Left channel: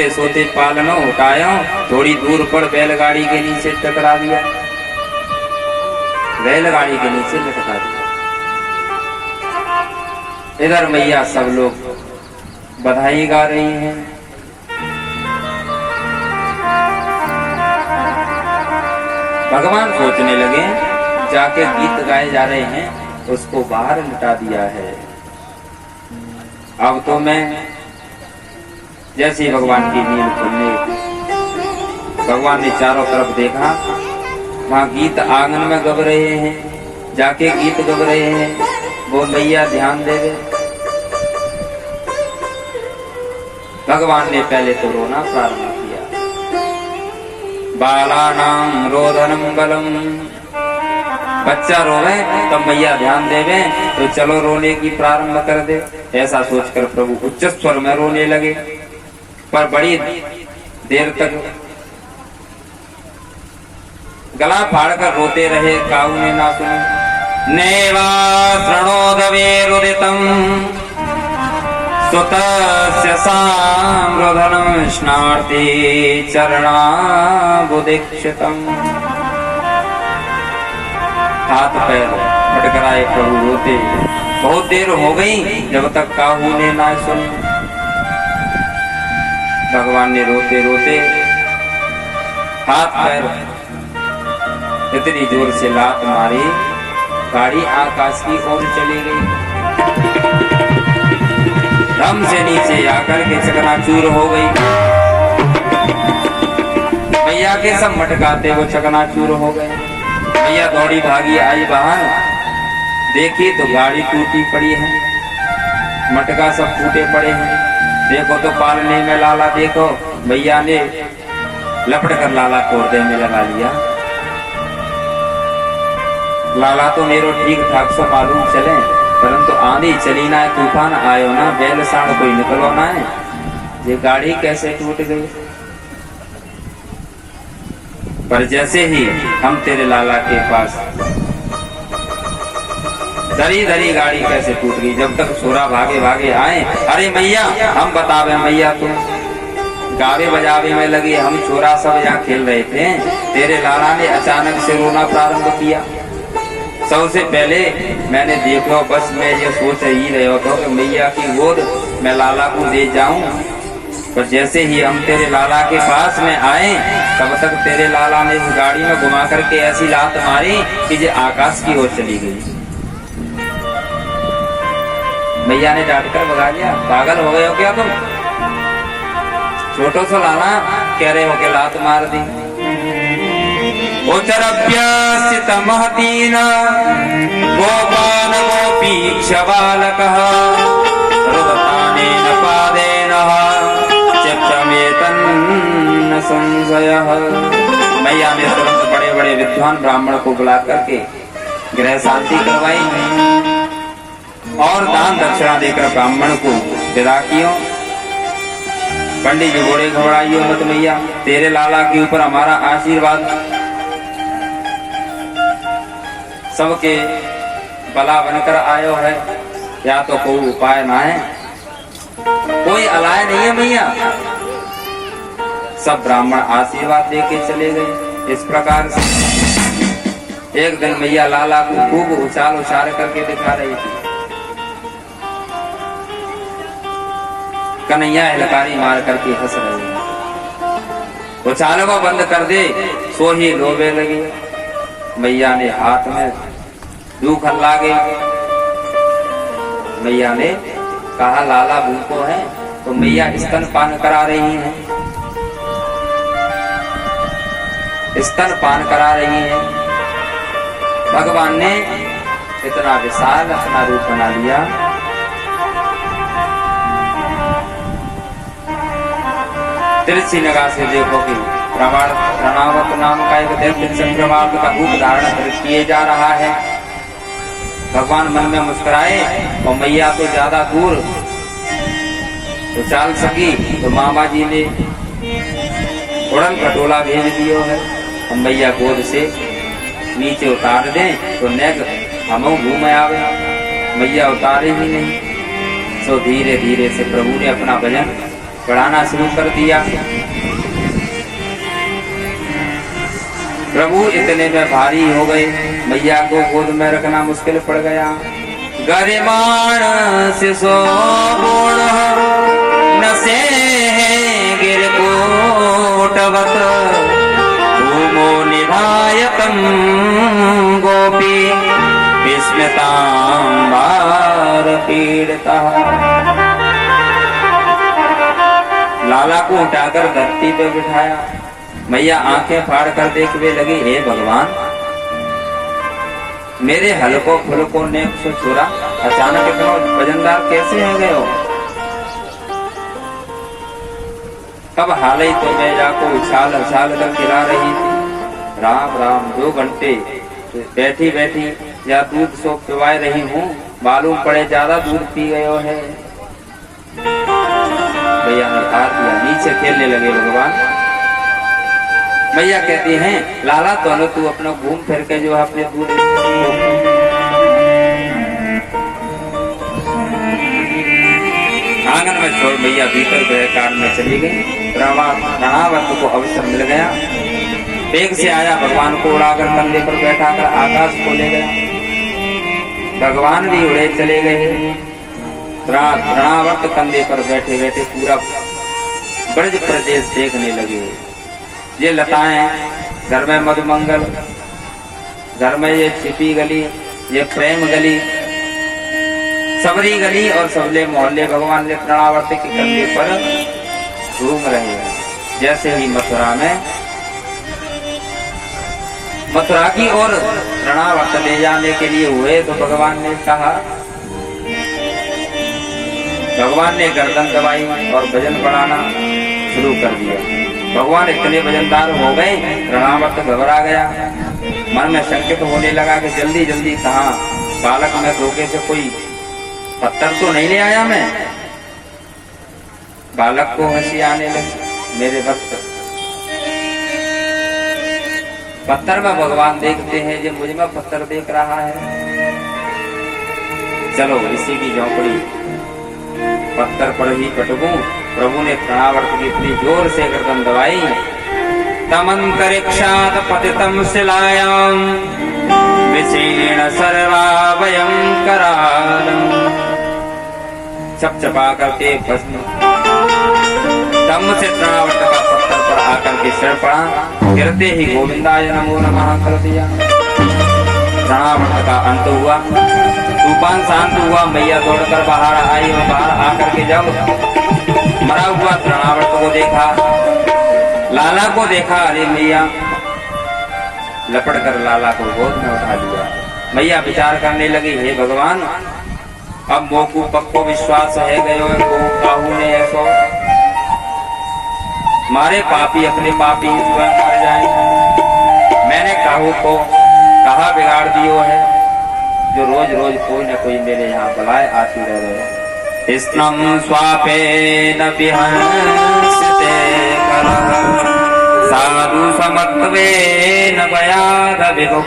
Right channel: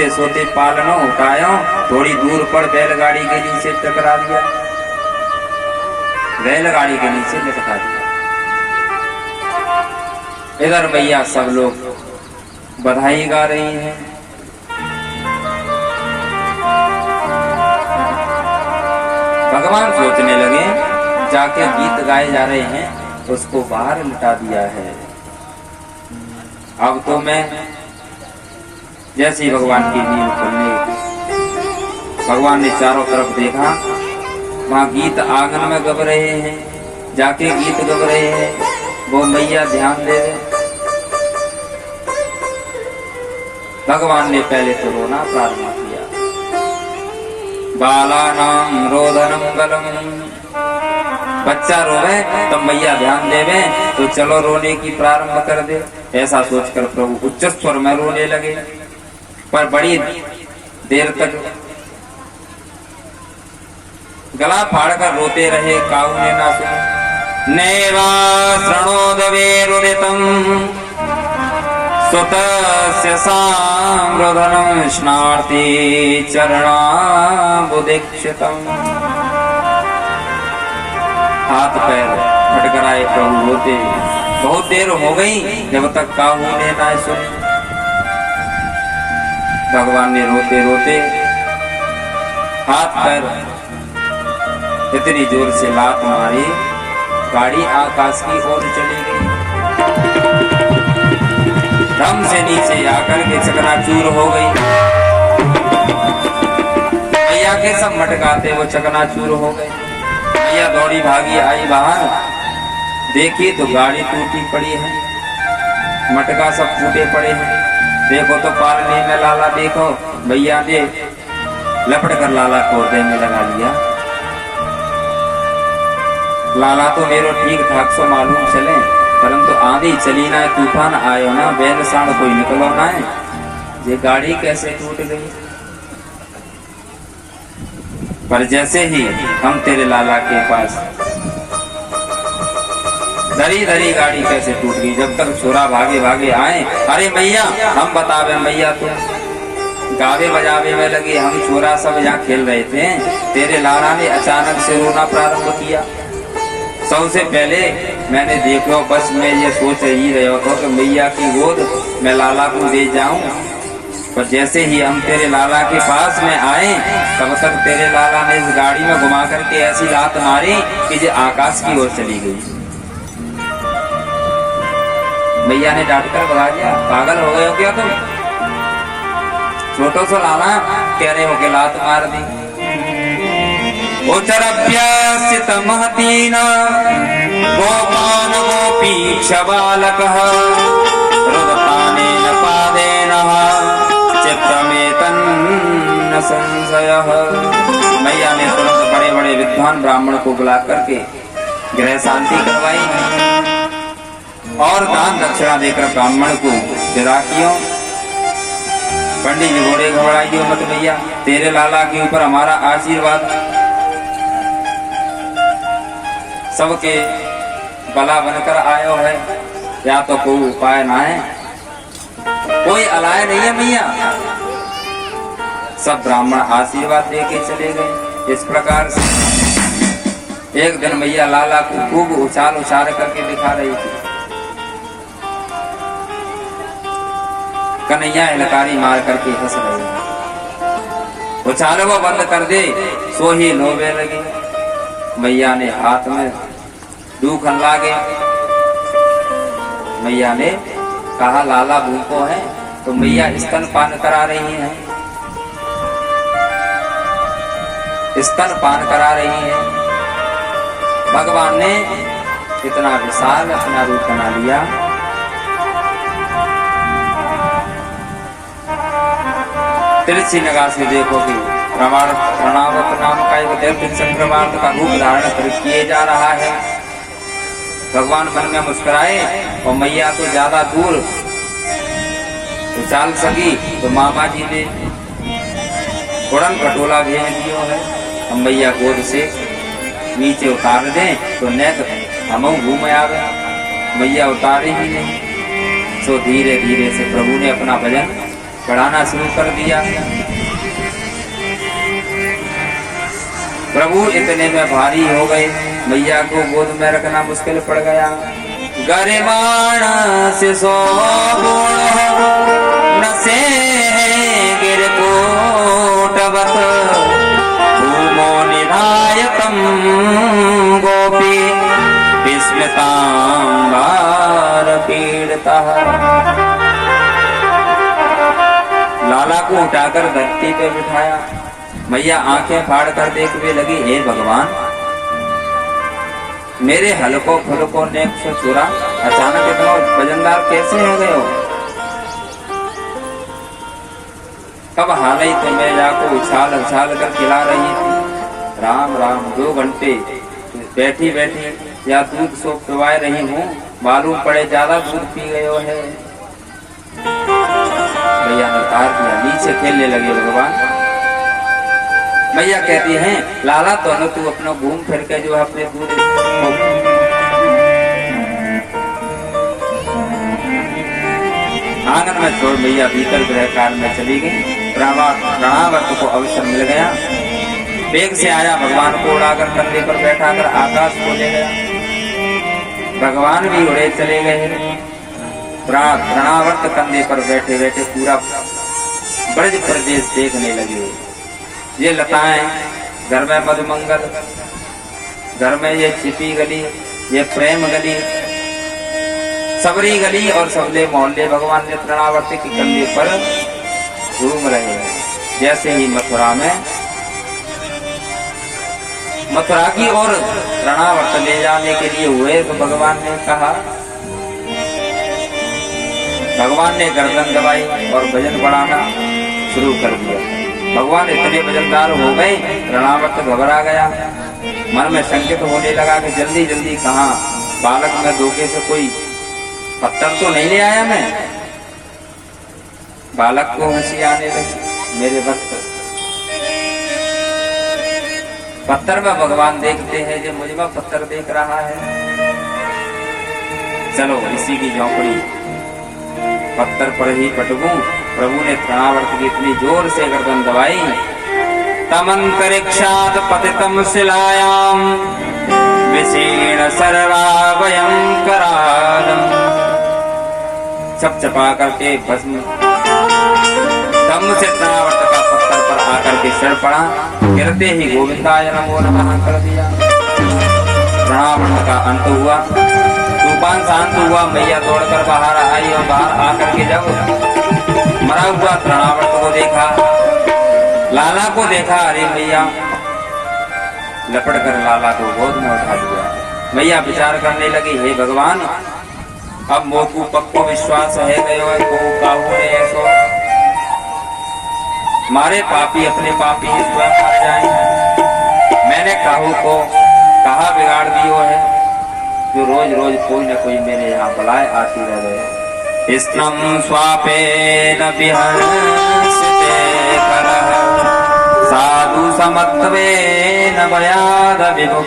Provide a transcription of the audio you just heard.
सोते सोते पालनो उठायो, थोड़ी दूर पर बैलगाड़ी के नीचे टकरा दिया, बैलगाड़ी के नीचे टकरा दिया। इधर मैया सब लोग बधाई गा रही हैं। भगवान सोचने लगे, जाके गीत गाए जा रहे हैं, उसको बाहर लिटा दिया है। अब तो मैं जैसे ही भगवान की नींद खुलने, भगवान ने चारों तरफ देखा, वहां गीत आंगन में गब रहे हैं, जाके गीत गब रहे हैं। वो मैया ध्यान दे गए। भगवान ने पहले तो रोना प्रारंभ किया। बालानां रोदनम बलम, बच्चा रोवे तब मैया ध्यान देवे, तो चलो रोने की प्रारंभ कर दे। ऐसा सोचकर प्रभु उच्च स्वर में रोने लगे, पर बड़ी देर तक गला फाड़कर रोते रहे, काऊ ने ना सुने। नैवा शृणोदवेरुदितं सुतस्य साम्रोधनं स्नाति चरणाबुदीक्षितम्। हाथ पैर फटकराए प्रभु रोते। बहुत देर हो गई जब तक काहू ने ना सुनी। भगवान ने रोते रोते हाथ पैर इतनी जोर से लात मारी, गाड़ी आकाश की ओर चली गई। धम से नीचे आकर के चकनाचूर हो गई। मैया के सब मटकाते वो चकनाचूर हो गए। मैया दौड़ी भागी आई बाहर, देखी तो गाड़ी टूटी पड़ी है, मटका सब टूटे पड़े हैं। देखो तो पालने में लाला, देखो मैया ने लपट कर लाला कोर्दे में लगा लिया। लाला तो मेरो ठीक ठाक सो मालूम चले, परंतु आंधी चली ना, तूफान आयो ना, बैल सांड कोई निकलो ना है, ये गाड़ी कैसे टूट गई। पर जैसे ही हम तेरे लाला के पास, धरी धरी गाड़ी कैसे टूट गई। जब तक छोरा भागे भागे आए, अरे मैया हम बतावे मैया, तुम गावे बजावे में लगे, हम छोरा सब यहाँ खेल रहे थे, तेरे लाला ने अचानक से रोना प्रारंभ किया। सबसे पहले मैंने देखो, बस मैं ये सोच ही रहा था कि मैया की गोद मैं लाला को दे जाऊं, पर जैसे ही हम तेरे लाला के पास में आए, तब तक तेरे लाला ने इस गाड़ी में घुमा करके ऐसी लात मारी कि जो आकाश की ओर चली गई। मैया ने डांट कर बता दिया, पागल हो गए हो क्या तुम, छोटो सो लाला कह रहे हो कि लात मार दी। उचरभ्यसित महतीन गोपान गोपीक्ष बालकः रुदतानेन पादेन चित्रमेतन्न संशयः। मैया ने तुरंत बड़े बड़े विद्वान ब्राह्मण को बुला करके गृह शांति करवाई और दान दक्षिणा देकर ब्राह्मण को विदा किया। पंडित जी बोले, घबराइयो मत मैया, तेरे लाला के ऊपर हमारा आशीर्वाद सबके बला बनकर आयो है, या तो कोई उपाय ना है, कोई अलाय नहीं है मैया। सब ब्राह्मण आशीर्वाद देके चले गए। इस प्रकार से एक दिन मैया लाला को खूब उछाल उछाल करके दिखा रही थी। कन्हैया हिलकारी मार करके हंस रहे हैं। उछालवा बंद कर दे, सो ही लोबे लगी। मैया ने हाथ में दूख हल्ला गई। मैया ने कहा, लाला भूखो है, तो मैया स्तन पान करा रही हैं, स्तन पान करा रही हैं। भगवान ने इतना विशाल अपना रूप बना लिया। तिरछी नगा से देखो कि प्रणामक नाम का एक दैत्य चंद्रमार्ग का रूप धारण किए जा रहा है। भगवान मन में मुस्कुराए और मैया तो ज्यादा दूर तो चाल सकी, तो मामा जी ने उड़न खटोला भेज दियो है। हम मैया गोद से नीचे उतार दें तो नेक हम घूम आवे, मैया उतारे ही नहीं। सो धीरे धीरे से प्रभु ने अपना भजन पढ़ाना शुरू कर दिया। प्रभु इतने में भारी हो गए, मैया को गोद में रखना मुश्किल पड़ गया। गरिमान शिशो नसे गिर कोटवत भूमो निधायकम गोपी विस्मितांबार पीड़ितः। लाला को उठाकर धरती पर बिठाया। मैया आंखें फाड़ कर देखने लगी, हे भगवान, मेरे हलको फुलको नेक से छुरा अचानक इतना वजनदार कैसे हो गए हो? तब हाल ही थे मैया को उछाल उछाल कर खिला रही थी। राम राम 2 घंटे बैठी बैठी या दूध सो पिवाए रही हूँ, मालूम पड़े ज्यादा दूध पी गए हो है। मैया ने तार दिया, नीचे खेलने लगे भगवान। मैया कहती हैं, लाला तो तू अपना घूम फिर के जो अपने दूध आंगन में छोड़ मैया भीतर गृह काल में चली गई। प्रणावर्त को अवसर मिल गया, वेग से आया, भगवान को उड़ाकर कंधे पर बैठाकर आकाश को ले गया। भगवान भी उड़े चले गए। प्रणावर्त कंधे पर बैठे बैठे पूरा ब्रज प्रदेश देखने लगे। ये लताएं, घर में मधुमंगल, घर में ये छिपी गली, ये प्रेम गली, सबरी गली और सबले मोहल्ले भगवान ने प्रणावर्त के कंधे पर घूम रहे हैं। जैसे ही मथुरा की ओर प्रणावर्त ले जाने के लिए हुए तो भगवान ने कहा, भगवान ने गर्दन दबाई और भजन बढ़ाना शुरू कर दिया। भगवान इतने वजनदार हो गए, प्रणावर्त घबरा गया, मन में संकेत होने लगा कि जल्दी जल्दी कहाँ बालक में धोखे से कोई पत्थर तो नहीं ले आया मैं। बालक को हंसी आने लगी, मेरे भक्त पत्थर में भगवान देखते हैं, जो मुझ में पत्थर देख रहा है। चलो इसी की झोंपड़ी पत्थर पर ही पटकूं। प्रभु ने प्रणावर्त की इतनी जोर से गर्दन दबाई, तमंतरिक्षात् पतितं शिलायां विशीर्ण सरलावयं करालम्। चपचपा करके भस्म दम से प्रणावर्त का पत्थर पर आकर के सिर पड़ा। गिरते ही गोविंदाय नमो नमः कर दिया। प्रणावर्त का अंत हुआ, तूफान शांत हुआ। मैया दौड़कर बाहर आई और बाहर आकर के जब मरा हुआ प्रणावर्त को देखा, लाला को देखा, अरे मैया लपट कर लाला को गोद में उठा लिया। मैया विचार करने लगी, हे भगवान, अब मोकू पक्को विश्वास है गयो काहू ने ऐसो मारे पापी अपने पापी स्वयं मर जाए। मैंने काहू को कहा बिगाड़ दियो है, जो रोज रोज कोई न कोई मेरे यहाँ बुलाए आती रह गए। स्नम स्वापेन विहंसते करः साधु समत्वेन भयाद विमुक्तः।